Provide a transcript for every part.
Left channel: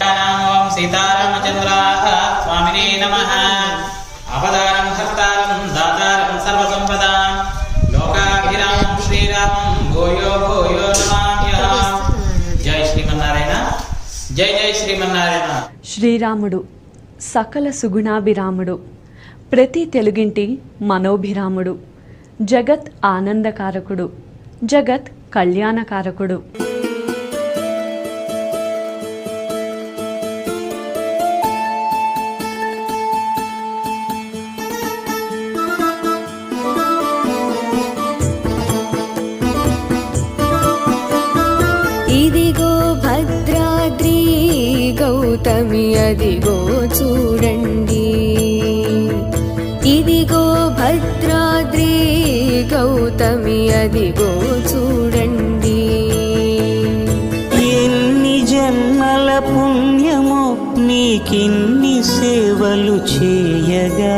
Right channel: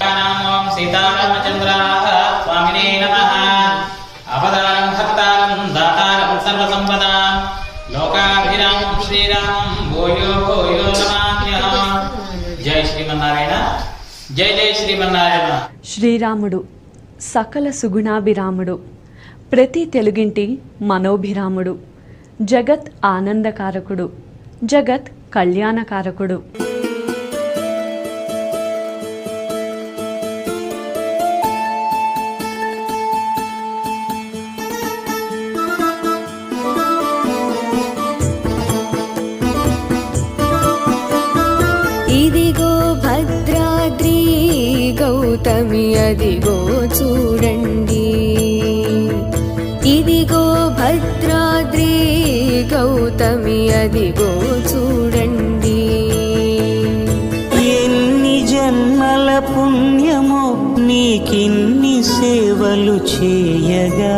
ఓం సీతారామచంద్రాయ స్వామినే నమః. అవతారం హర్తారం దాతారం సర్వసంపదాం లోకాభిరామం శ్రీరామం భూయో భూయో నమామ్యహం. జై శ్రీమన్నారాయణ. జై జై శ్రీమన్నారాయణ. శ్రీరాముడు సకల సుగుణాభిరాముడు, ప్రతి తెలుగింటి మనోభిరాముడు, జగత్ ఆనందకారకుడు, జగత్ కళ్యాణకారకుడు. ఇదిగో భద్రాద్రి గౌతమి అదిగో చూడండి, ఇదిగో భద్రాద్రి గౌతమి అదిగో చూడండి. ఎన్ని జన్మల పుణ్యమో నీకిన్ని సేవలు చేయగా,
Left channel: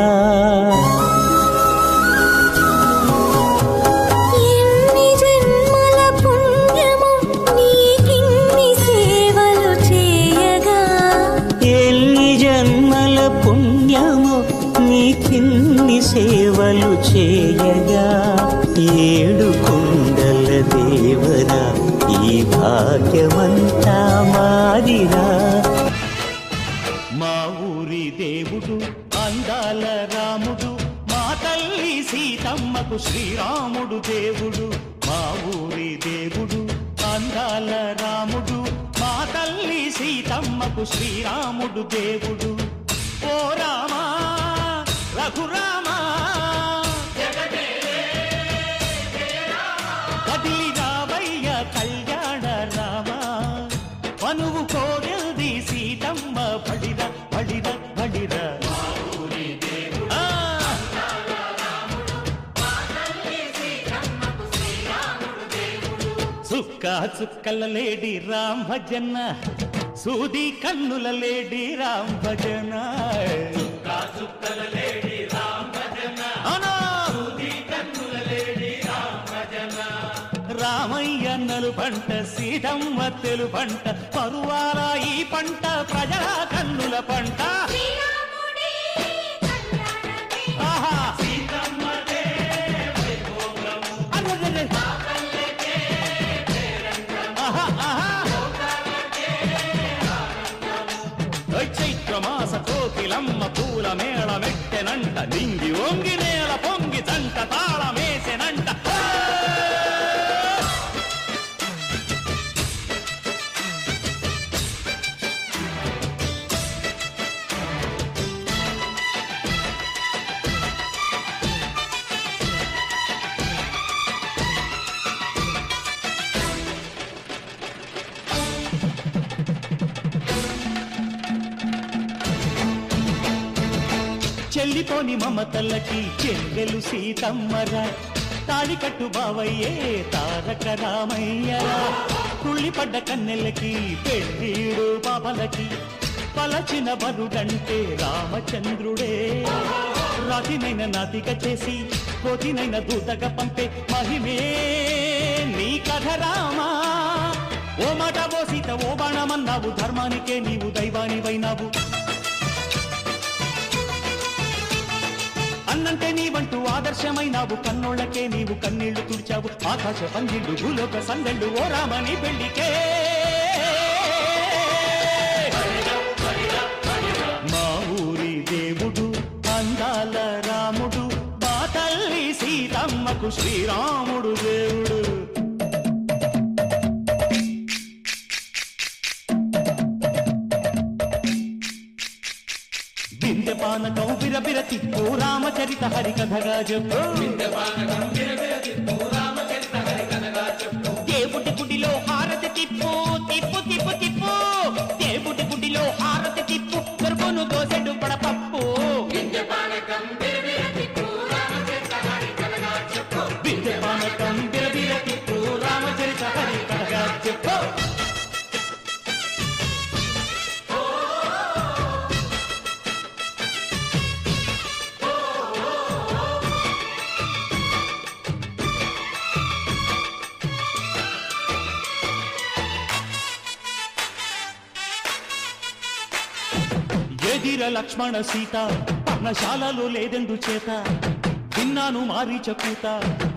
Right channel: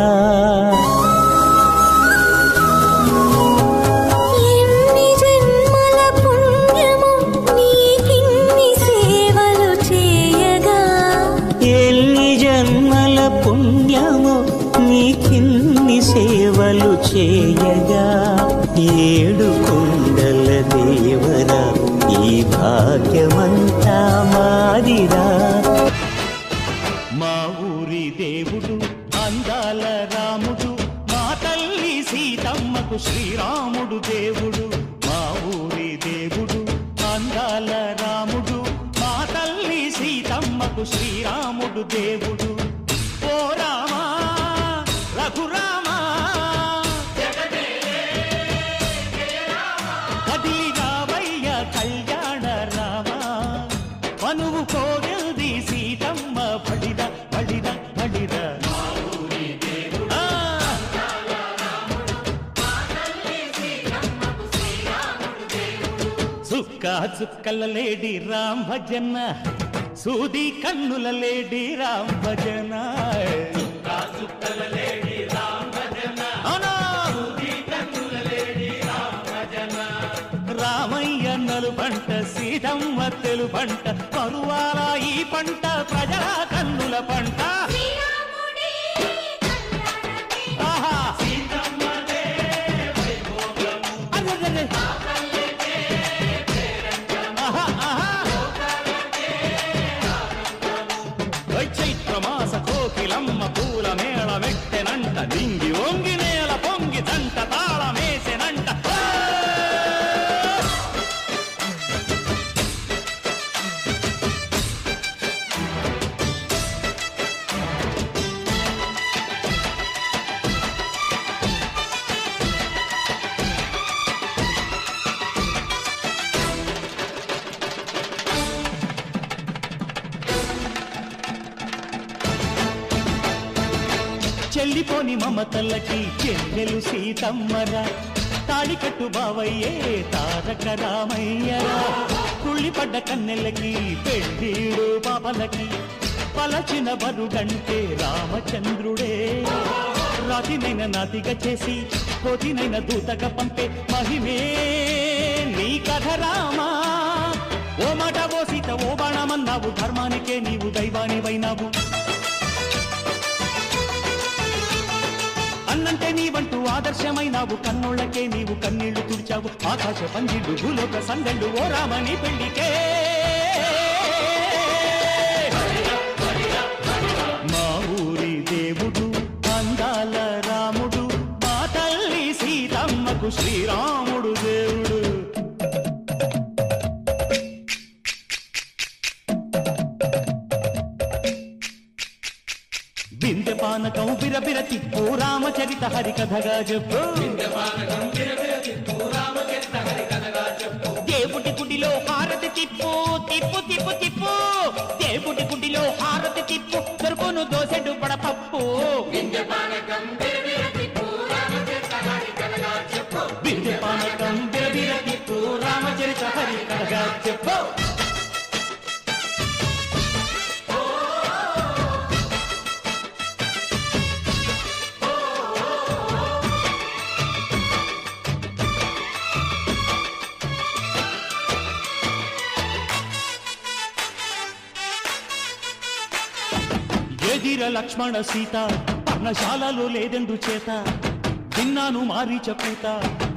ఎన్ని జన్మల పుణ్యమో నీకిన్ని సేవలు చేయగా, ఎన్ని జన్మల పుణ్యమో నీకిన్ని సేవలు చేయగా. ఏడు కొండల దేవరా ఈ భాగ్యమంతా మాదిరా. మా ఊరి దేవుడు అందాల రాముడు, మా తల్లి సీతమ్మకు శ్రీరాముడు దేవుడు. మా ఊరి దేవుడు అందాల రాముడు, మా తల్లి సీతమ్మకు శ్రీరాముడు దేవుడు. ఓ రామా రఘురామా కదిలి రావయ్య కళ్యాణ రామా, మనువు కోరెల్ది సీతమ్మ బడిర బడిర బడిర. చుక్క చుక్కల లేడి రామ్ భజన, సూది కన్నుల లేడి రామ్ భజన. రామయ్య నలు పంట సీతమ్మ తెలు పంట, కరువాల ఈ పంట ప్రజల కన్నుల పంట. ఆహా చైత్రమాస కోకిలమ్మ పూల మేళ మెట్టెనంట, నింగి వంగి నేల పొంగి దంట తాళమేసెనంట. చెల్లిపోని మమతల్లకి చెల్లెలు సీతమ్మరా, తాళికట్టు బావయ్యే తారక రామయ్యరా. తుళ్ళిపడ్డ కన్నెలకి పెళ్ళీడు పాపలకి, పలచిన వరుడంటే రామచంద్రుడే. రాతినైన నాతిగా చేసి కోతినైన దూతగా పంపే మహిమే నీ కథ రామా. ఓ మాట ఓ సీత ఓ బాణమన్నావు, ధర్మానికే నీవు దైవానివైనావు. అన్నంటే నీవంటూ ఆదర్శమైనావు, కన్నోళ్ళకే నీవు కన్నీళ్లు తుడిచావు. ఆకాశ పందిళ్ళు భూలోక సందళ్ళు ఓ రామని పెళ్లికే. మా ఊరి దేవుడు అందాల రాముడు, మా తల్లి సీతమ్మకు శ్రీరాముడు దేవుడు. బిందె పానకం బిరబిర తిప్పు రామచరిత హరికథగా చెప్పు. దేవుడి గుడిలో హారతి తిప్పు తిప్పు తిప్పు తిప్పు, దేవుడి గుడిలో హారతి తిప్పు, దొరుకును దోసెడు పడపప్పు. బిందె పానకం బిరబిర తిప్పు రామచరిత హరికథగా చెప్పు. ఏదిర లక్ష్మణ సీత పర్ణశాలలో లేదెందు చేత విన్నాను మారీచ కూత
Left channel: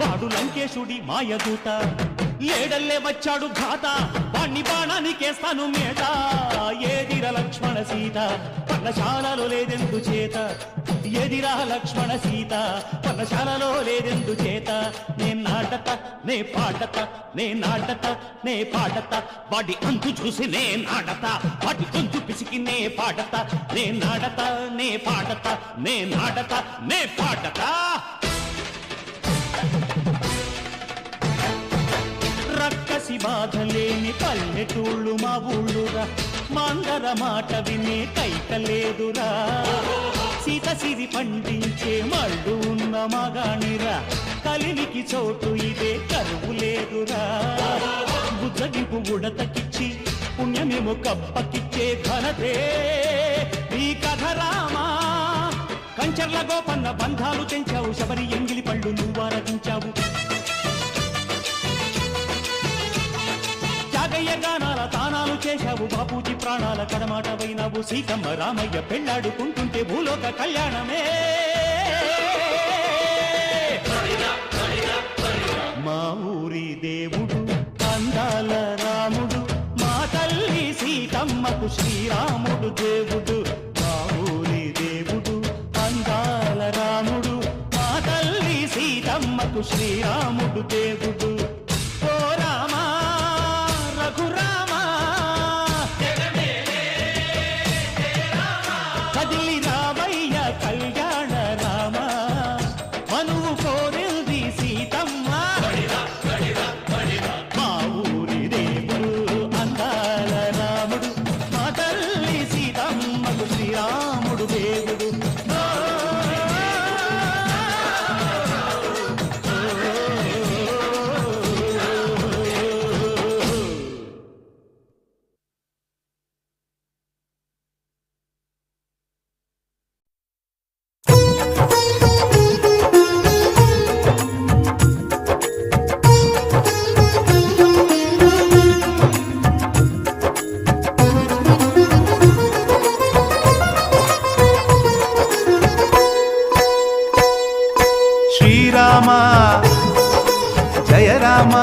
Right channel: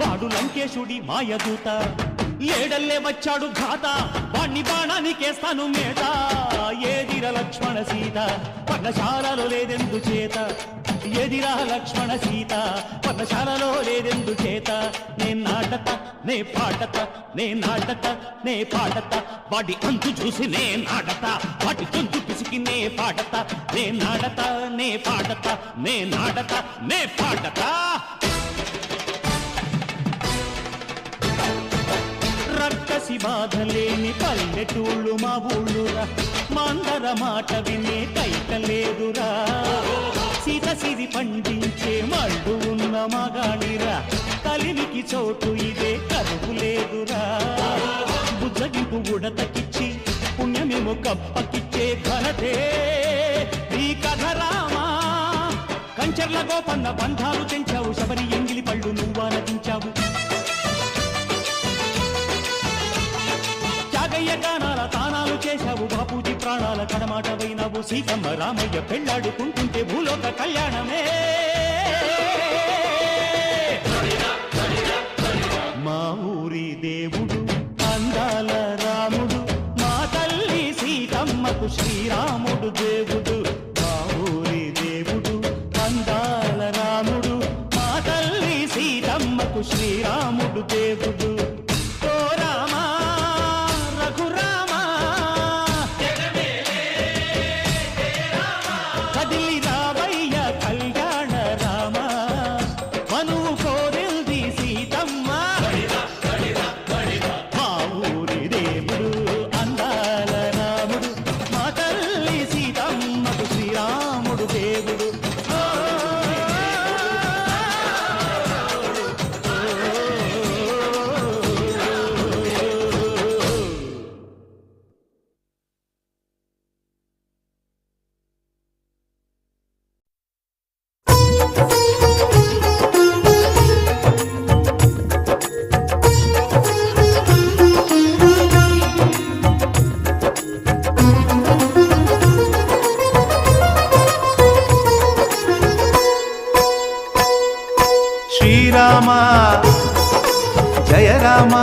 వాడు లంకేశుడి మాయదూత ఏడల్లే వచ్చాడు ఘాత వాణ్ణి బాణానికేస్తాను మేత ఏదిర లక్ష్మణ సీత పర్ణశాలలో లేదెందు చేత ఎదిరా లక్ష్మణ సీత పర్ణశాలలో లేదెందు చేత నే నాటత నే పాడత నే నాటత నే పాడత వాడి అంతు చూసి నే నాడత వాడి గొంతు పిసికి నే పాడత నే నాడత నే పాడత నే నాడత నే పాడత రక్కసి బాధలేని పల్లెటూళ్ళు మా ఊళ్ళురా మాందర మాట వినే కైకలేదురా సీత సిరి పండించే మళ్ళు ఉన్న మగాణిరా కలిమికి చోటు ఇదే కరువు లేదురా బుజ్జగింపు ఉడతకిచ్చి పుణ్యమేమో కప్పకిచ్చే ఘనతే ఈ కథ రామా కంచర్ల గోపన్న బంధాలు తెంచావు శబరి ఎంగిలి పళ్ళు నువ్వారగించావు త్యాగయ్య గానాల తానాలు చేశావు బాపూజీ ప్రాణాల కడమాట వైనావు సీతమ్మ రామయ్య పెళ్ళాడుకుంటుంటే భూలోక కళ్యాణమే మా ఊరి దేవుడు అందాల రాముడు మా తల్లి సీతమ్మకు శ్రీరాముడు దేవుడు మా ఊరి దేవుడు అందాల రాముడు మా తల్లి సీతమ్మకు శ్రీరాముడు దేవుడు ఓ రామా రఘురామా కదిలి రావయ్య కళ్యాణ రామ మనువు కోరింది సీతమ్మ మా ఊరి దేవుడు అందాల రాముడు మా తల్లి సీతమ్మకు శ్రీరాముడు దేవుడు శ్రీరామ జయ రామ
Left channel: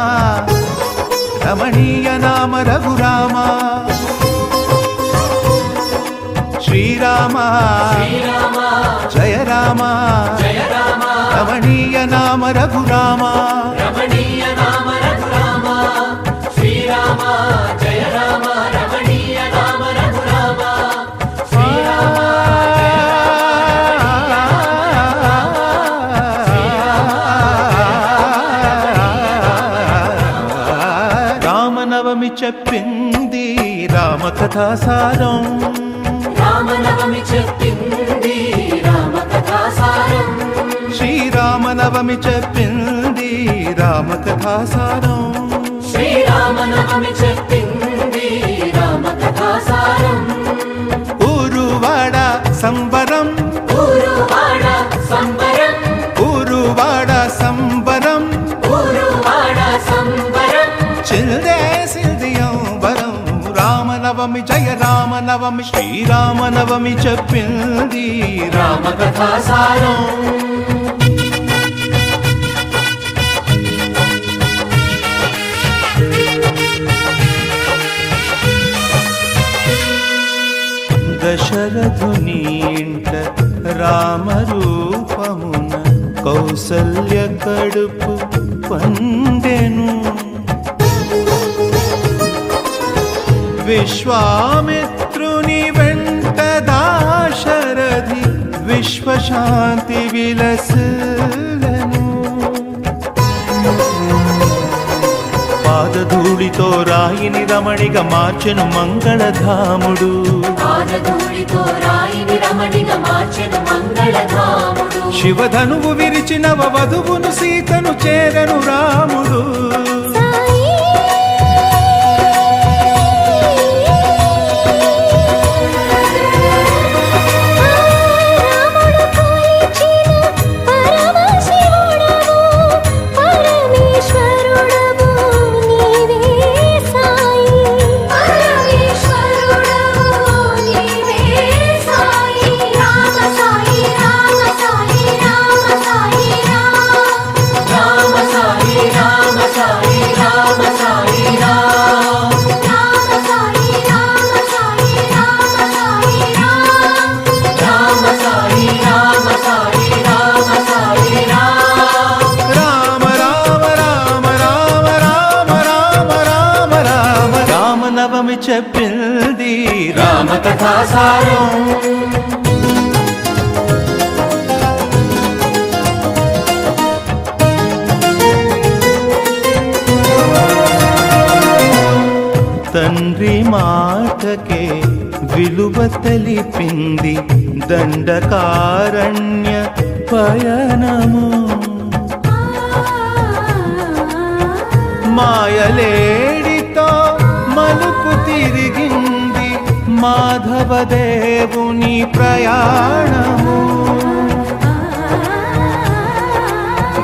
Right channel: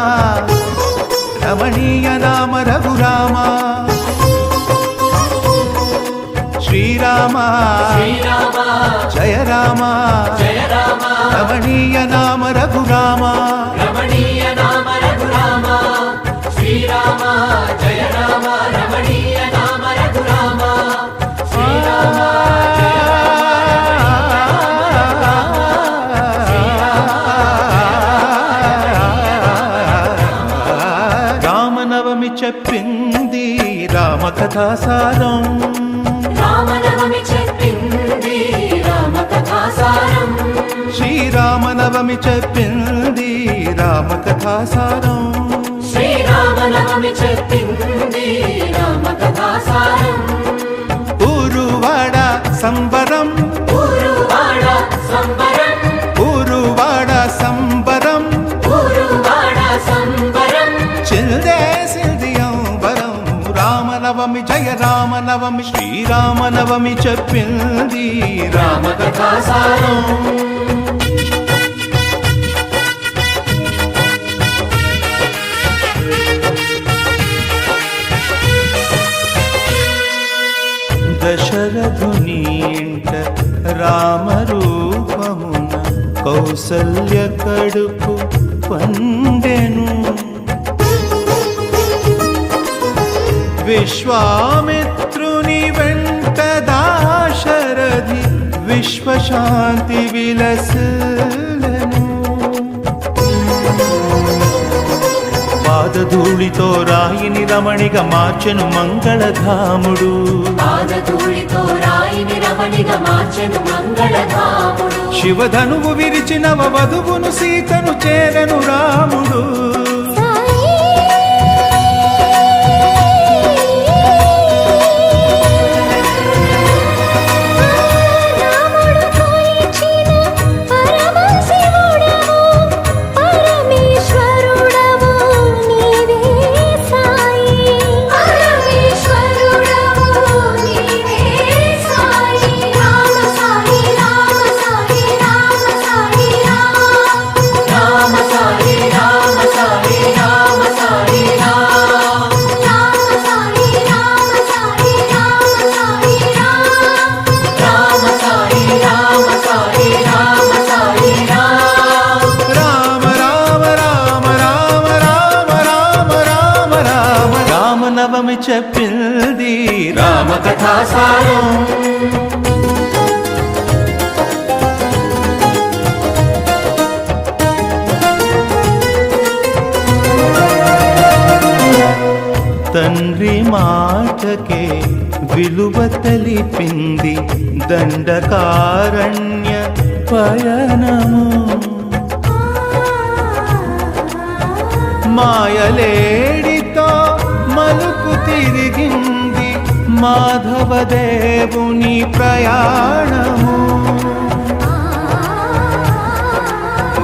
రమణీయ నామ రఘురామ శ్రీరామ జయ రామ రమణీయ నామ రఘురామ రామనవమి చెప్పింది రామకథాసారం శ్రీరామనవమి చెప్పింది రామకథాసారం ఊరువాడ సంబరం ఊరువాడ సంబరం చిల్దేసిల్దియంబరం రామనవమి జయ రామనవమి శ్రీరామనవమి చెప్పింది రామకథాసారం దశరథుని ఇంట రామరూపమున కౌసల్య కడుపు పండెను విశ్వామిత్రుని వెంట దాశరథి విశ్వశాంతి విలసిల్లెను పాదధూళితో రాయిని రమణిగా మార్చెను మంగళధాముడు శివధనువు విరిచి నవ వధువును సీతను చేరను రాముడు సాయి రామనవమి చెప్పింది రామకథాసారం. తండ్రి మాటకే విలువ తెలిపింది దండకారణ్య పయనము. మాయలేడితో మలుపు తిరిగింది మాధవదేవుని ప్రయాణము.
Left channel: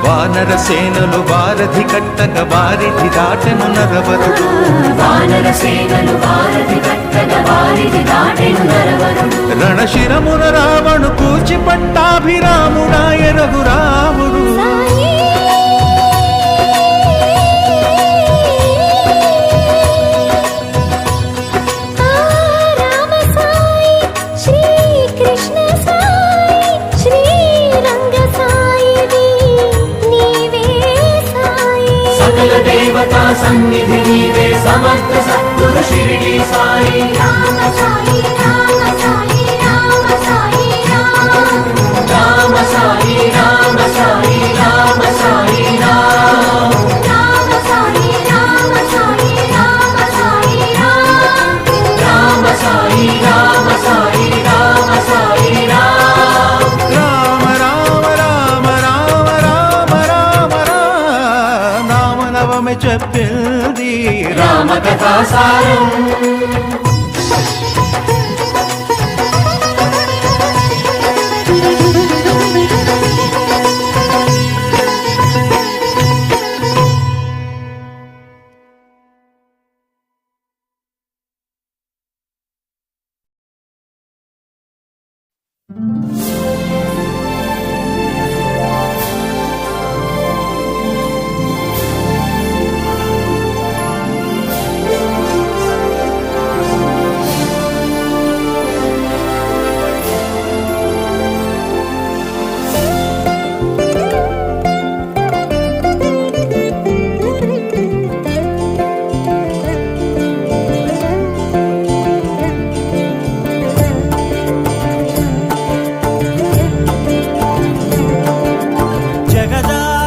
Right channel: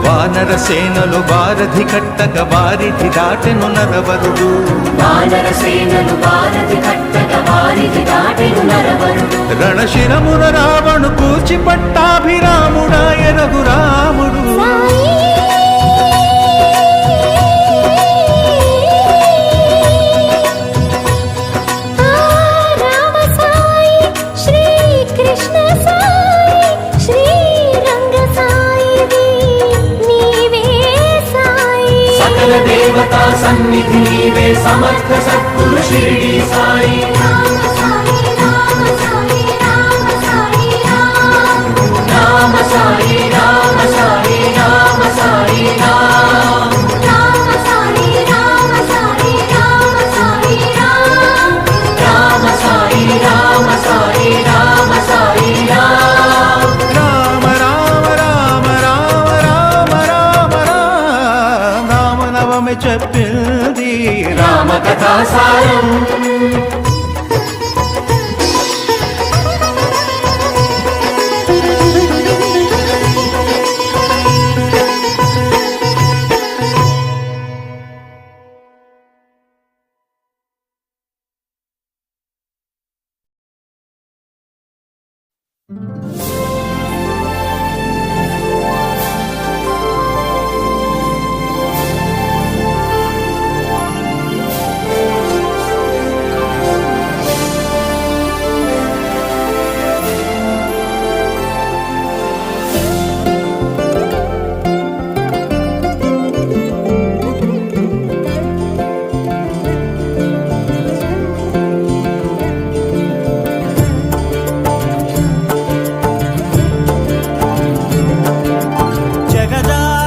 వానర సేనలు వారధి కట్టక వారిధి దాటెను నరవరుడు. రణశిరమున రావణు కూర్చి పట్టాభిరాముడాయ రఘురాముడు. దేవతా సన్నిధి నీవే సమర్థ సద్గురు శిరిడి సాయి. రామ సాయి రామ సాయి రామ సాయి రామ సాయి రామ సాయి రామ సాయి రామ సాయి రామ సాయి రామ సాయి రామ సాయి రామ సాయి రామ సాయి రామ రామ రామ రామ రామ రామ రామ రామనవమి చెప్పింది రామకథాసారం.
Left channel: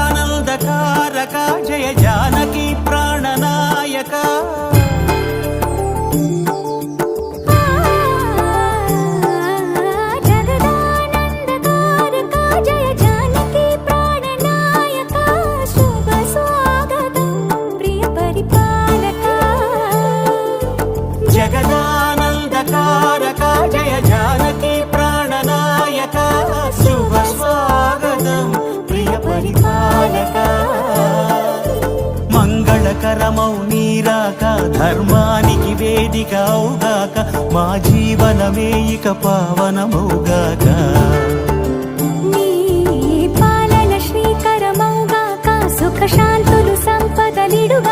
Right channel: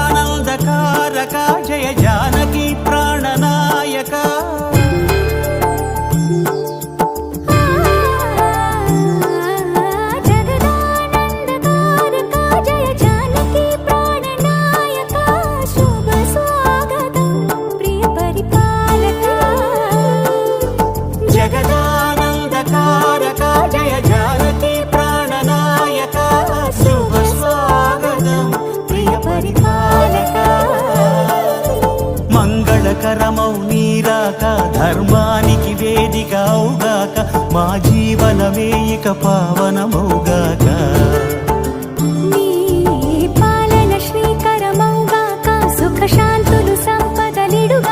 జగదానందకారక జయ జానకి ప్రాణనాయక. జగదానందకారక జయ జానకి ప్రాణనాయక. శుభ స్వాగతం ప్రియ పరిపాలక. జగదానందకారక జయ జానకి ప్రాణనాయక. శుభ స్వాగతం ప్రియ పరిపాలక. మంగళకరమౌ నీరాక ధర్మానికి వేదిక అవుగాక. మా జీవనమే ఇక పావనమౌగాక. నీ పాలన శ్రీకరమౌగాక. సుఖ శాంతులు సంపదలిడుగాక.